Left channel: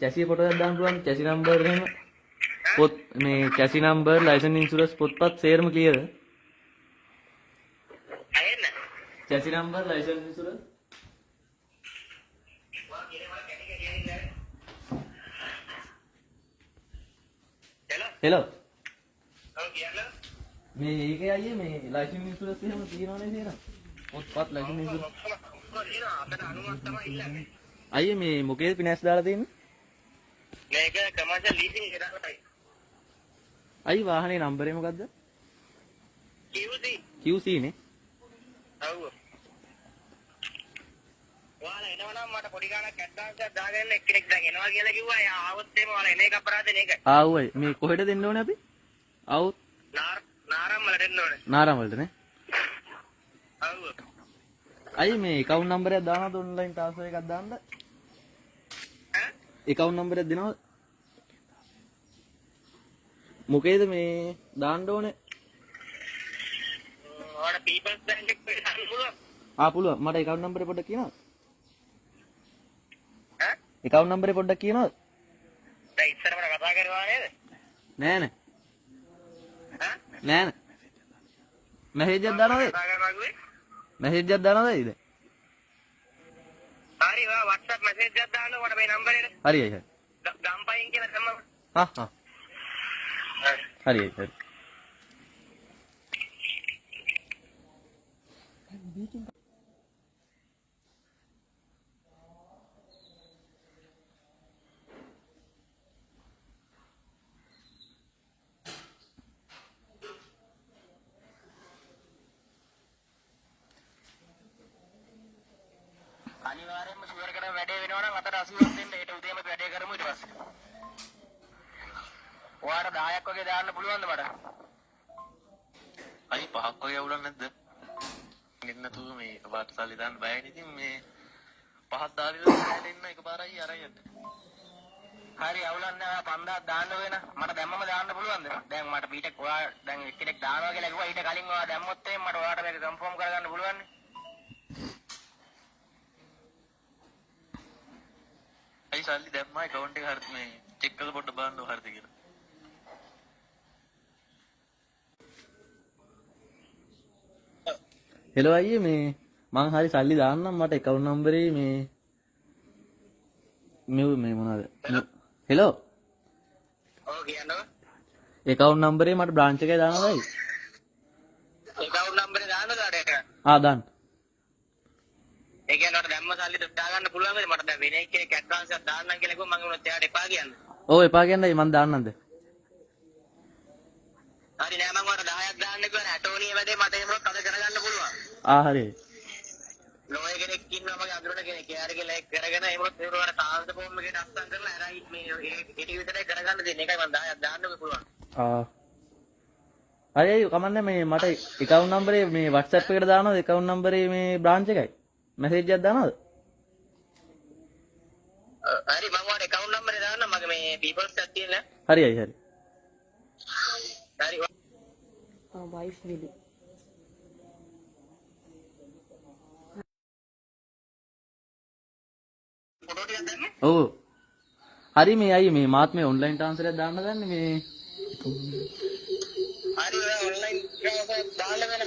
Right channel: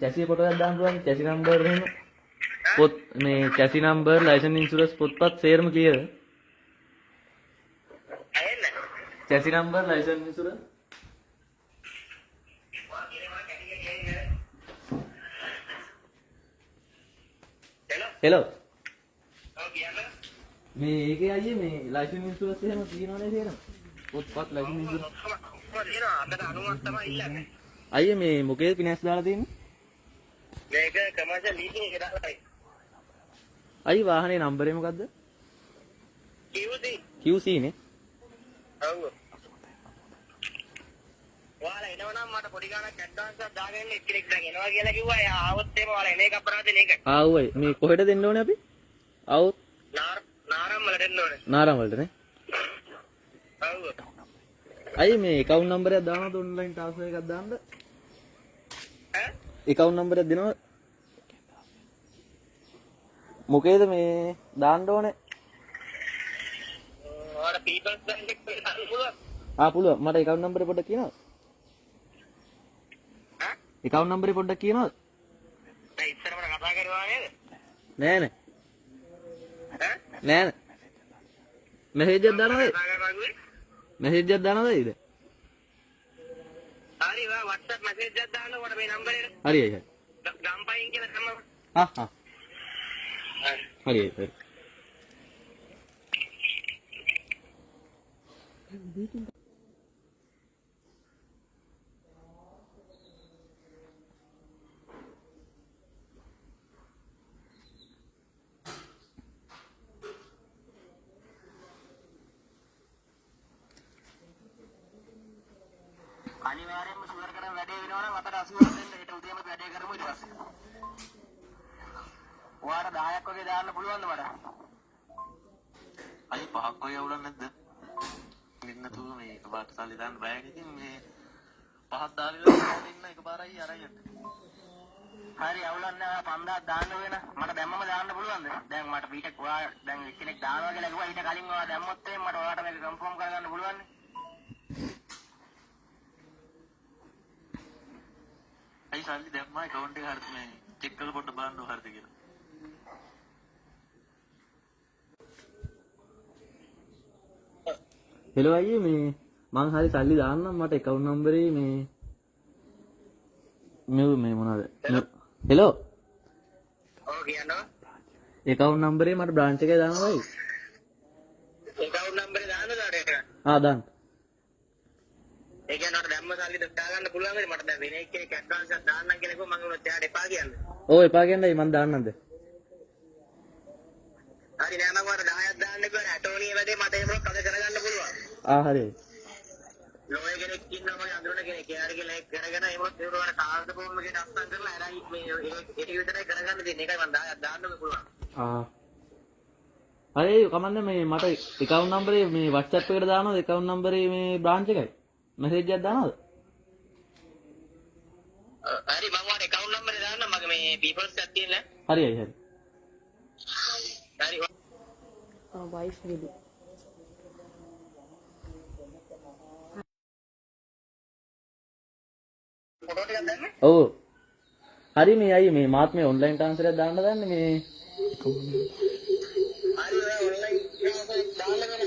chassis photo එකක් දාන්න පුළුවන් chassis number එහෙම පොත් මේ chassis number license insurance පොත්පත් සේරම clear ඇහෙන්න chassis number license insurance hello මේ ඒකේ අයියේ මේ license insurance එහෙම තියෙනවනේ කියලා පොත්පත් license insurance අයියේ මේ මොකේද finance දාලා තියෙන්නේ මේක commercial leasing එක දාලා අයියේ වාහනේ නම්බරේ මොකද්ද QC නේ ඔව් ඔයාලා එනවනම් මට පොඩි ගාණක් ඇඩ්වාන්ස් එකක් දාගෙන එක්කෙනෙක් දැන් එනවා කියලා කිව්වා. එයා ආවොත් එහෙම ඔයාලා එන එක අපරාධ නේ ඒක. ආවයි මේ කොහෙද දෙන්න ඕනේ අපි ආවොත් නාරම් වල දෙන්න ඕනේ. නාරම් වලට නේ ඔව් අයියේ මේ account number එකක් දානවද online transfer එකක් දාන්නද ඈ account number එකක් දෙනවද මොකේද මේ දාන්න ඕනේ ඔයාලා People's Bank එකේ දාන්න පුළුවන්. පුළුවන් මට account number එක පොඩ්ඩක් කියනවද ඈ account number එක පොඩ්ඩක් කියනවද දැන් ඉස්සරම කතා කරනවා නේද? නෑ ඈ නෑ message එකක් දානවද කතා කරනවා කිව්වේ? message එකක් දානවද ඊට හරි වා WhatsApp message එකක් දාන්න මට මේ නම්බර් එකට. හරි ඒක ගම්පයින් කියලා තමයි. හරි හරි අනිවාර්යයෙන්ම ෂුවර් කරන වැඩේ වෙනවා නම් අතට 80ක් දෙන්න. ඒට උදේම වැඩේ කරමු ඊට පස්සේ. ඔයාලට 10ක් වගේ දාන්න පුළුවන්ද මට? අයි 5ක් වගේ අවුලක් නැද්ද? නින්නතු මේ එකපාරට සල්ලි දාන්න බයයි ඉතින් මේ 5ක් දාලා ඉන්න එකපාරයි අරන් යන්න. හරි අවුලක් නැහැ. 5000ක් දාන්න වෙන. මට දැම්මම දාන්න පුළුවන්ද? දැන් මට ඊට ඔයා දැන් එක්කෙනෙක් දානවා කියලා කිව්වා. ඊට කලින් ඔයා දැම්මොත් එහෙනම් මට ඔයාලට මේක කන්ෆර්ම් කරගන්න පුළුවන් නේ. අයි සල්ලි දැම්මා account එක හරියට මේ චෙක් කරලා පොඩ්ඩක් බලන්න හරියද කියලා. hello අයියේ මේ මම හරි සල්ලි දාන්නම් මට account number එකේ මේ මොනවද hello ඔව් කියනවා. account number එකේ මට branch එකේ දාන්නයි account number එක දාන්නද ආරයට? දාන්න ඒ කියන්නේ මට දැම්ම සල්ලි දාගන්න පුළුවන්ද? මට දැන් වෙන එක්කෙනෙක් ඇඩ්වාන්ස් එකක් දාන්නම් කියලා කිව්වම මම උනත් එයාට එපා කියන්නේ. ඔව් එපා කියන්නේ මම දාන්නම්ද හරි නෑ මම ඔයාලට 10ක් දාන්න කිව්වා. ඇටෝනිය වැඩේ මට එහෙමවත් අද කරගන්න පුළුවන්. හරි ලෝය කෙනෙක් ඉන්නවා මගේ අඳුරන කෙනෙක්. එයාට කියලා කරගෙන එහෙමවත් ඒකට කාන්ද ෆෝම් එකකට අස්සම් කරලා අරන් මේ ඒක විතරයි කරගන්න දෙන්නේ. ඒකයි මම 10ක් දාන්න පුළුවන්. හරි කමන්නේ මේ මට account number එක මේ WhatsApp එකට දානවද account number එක මේ branch එකයි message එකක් දානවද හරි මම ඔයාලට account number එක දාන්න. මගේ මේ people's එකක් තියෙනවා. හරි හරි හරි wife will ෆොටෝ ටිකක් දාන්න. ඔව් හරි මේ අයියේ මේ මාත් මේ online transfer එකක් දාන්න දන්නේ මේ හරි ඔයා online transfer දාන්න වෙන.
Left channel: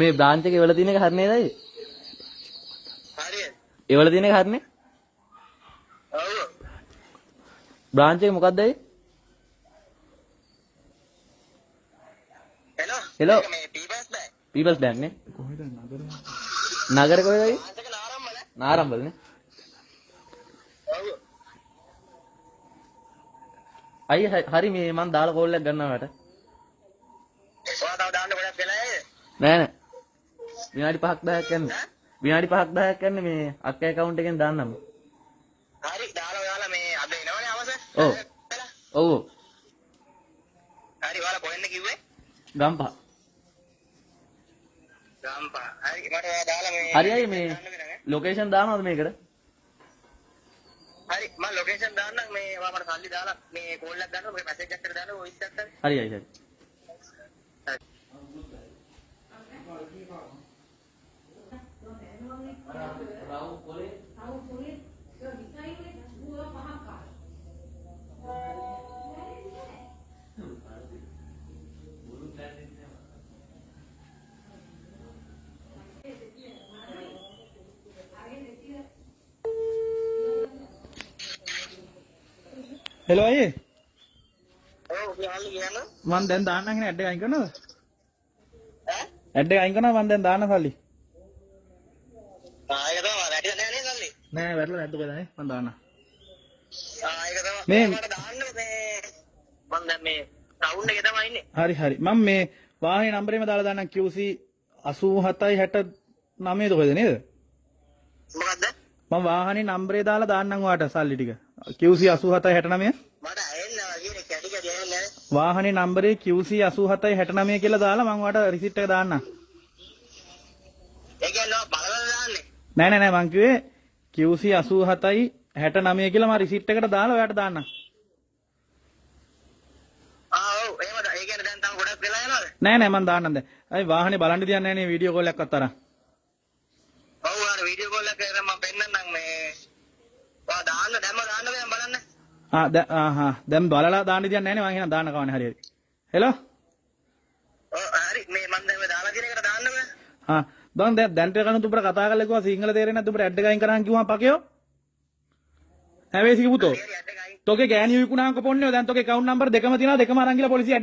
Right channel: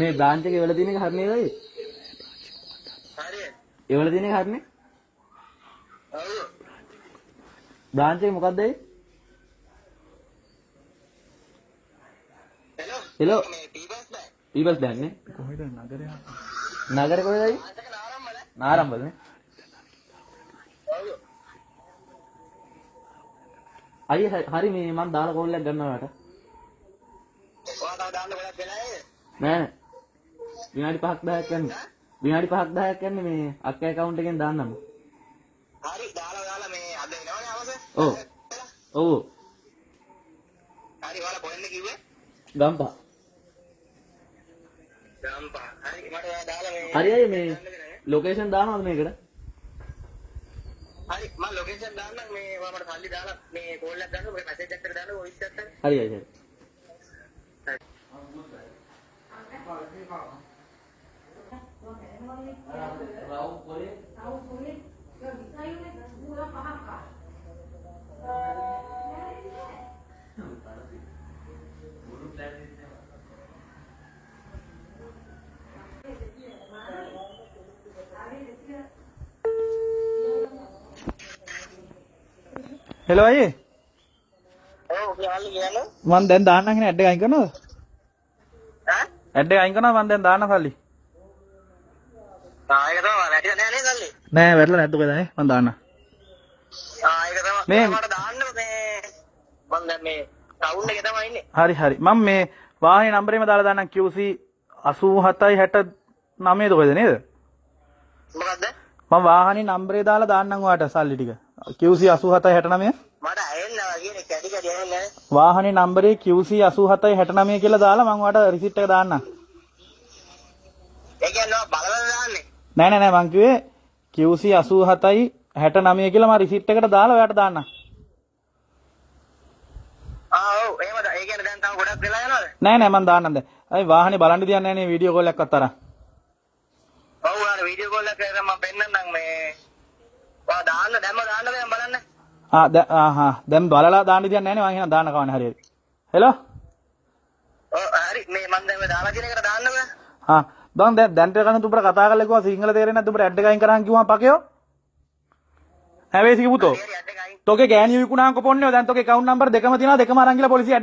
මේ branch එකේ වල තියෙන එක හරි නේද අයියේ හරි ඒ වල තියෙන එක හරිනේ ඔව් branch එක මොකක්ද අයියේ hello hello මේ people's bank people's bank නේ නගරේ කොහෙද අයියේ අන්තක නාරම්මල. නාරම්බල නේ ඔව් අයියේ හරි මේ මම දාලා කෝල් එකක් ගන්නවා වට ඔයා තව දාන්න ගොඩක් වෙලා නේද? නෑ නෑ විනාඩි 5ක් 10ක් යන්නේ විනාඩි 5ක් 10ක් යන්නේ මේ අක්කේ account එකෙන් දාන්නම් හරි දාලා ඔයාලා මේ අද එනවනේ අවස. ඔව් ඔව් හරි ඔයාලා කොහෙන්ද කිව්වේ? ගම්පහ ගම්පා. හරි මට ඔයා දාලා මේ හරි අයියේ මේ ලොකේෂන් දානවද මේකට හරි මම ලොකේෂන් දාන්නම්. මේ ඔයා මට සල්ලි දාලා මේ කෝල් එකක් ගන්නවා. මේ මැසේජ් එකක් දාන්න වොයිස් එකක් දාන්න. හරි අයියේ හරි හෙලෝ අයියේ ඔව් යාළුවා කියන්න. මං දැන් දාන්නම් කියන ඇඩ් එක අයින් කරනවද? ඈ? ඇඩ් එක අයින් කරනවා මං දැන් දාන්න සල්ලි. ඒක තමයි වැඩි නෑ නේද සල්ලි? නෑ වැරලා නැද්ද ඔකද නේ මං දාන්න. ඒක තමයි. මේ- මට දාන්න මේ මම දැන් මේ ටවුන් එකේ තමයි ඉන්නේ. හරි හරි මම මේ වාහනේ නම්බරේම දාලා දාන්නම් QC 8769 ඔකද නේද? මොකද්ද? මම වාහනේ නම්බරේ දාලා දාන්නම් ඔයාලට සල්ලි ටික. QC 8769 මට ඇහෙන්නේ වගේ කැටි කැටි ඇහෙන්නේ නැහැ. වාහනේ නම්බරේ QC 8769 කියලා දාලා මම ඔයාලට රිසිට් එක දාන්නම්. ඒ කියන්නේ බලවල දාන්නේ. නෑ නෑ නෑ මං කිව්වේ QC 8769 කියලා මම රිසිට් එකට දාලා ඔයාලට දාන්නම්. ඔව් එහෙමද? ඒ කියන්නේ දැන් තව ගොඩක් වෙලා යනවද? නෑ නෑ මං දාන්නම් දැන්. අයි වාහනේ බලන්න දියන්නේ නෑනේ වීඩියෝ කෝල් එකක්වත් අරන්. ඔව් අර වීඩියෝ කෝල් එකක මම පෙන්නන්නම් මේ ඔයා දාන්න දැම්ම දාන්න දැන් බලන්න. දැන් බලලා දාන්න දියන්නේ නෑනේ මං එහෙනම් දාන්න කවන්නේ හරියට. හෙලෝ ඔව් හරි මේ මම දැන් මේ දාලා කියන එකට දාන්න බෑ. බං දැන් ටිකක් උඹට කතා කරලා කිව්වා සිංහල තේරෙන්නේ නැද්ද උඹට ඇඩ් එක අයින් කරන් කිව්වම පකයෝ හැවේසික පුතෝ හරි ඇඩ් එක අයින් තෝගේ ගෑණි විකුණාංක පොන්නෝ දැන් තෝගේ account number දෙකම තියෙනවා දෙකම අරන් ගිහලා පොලිසිය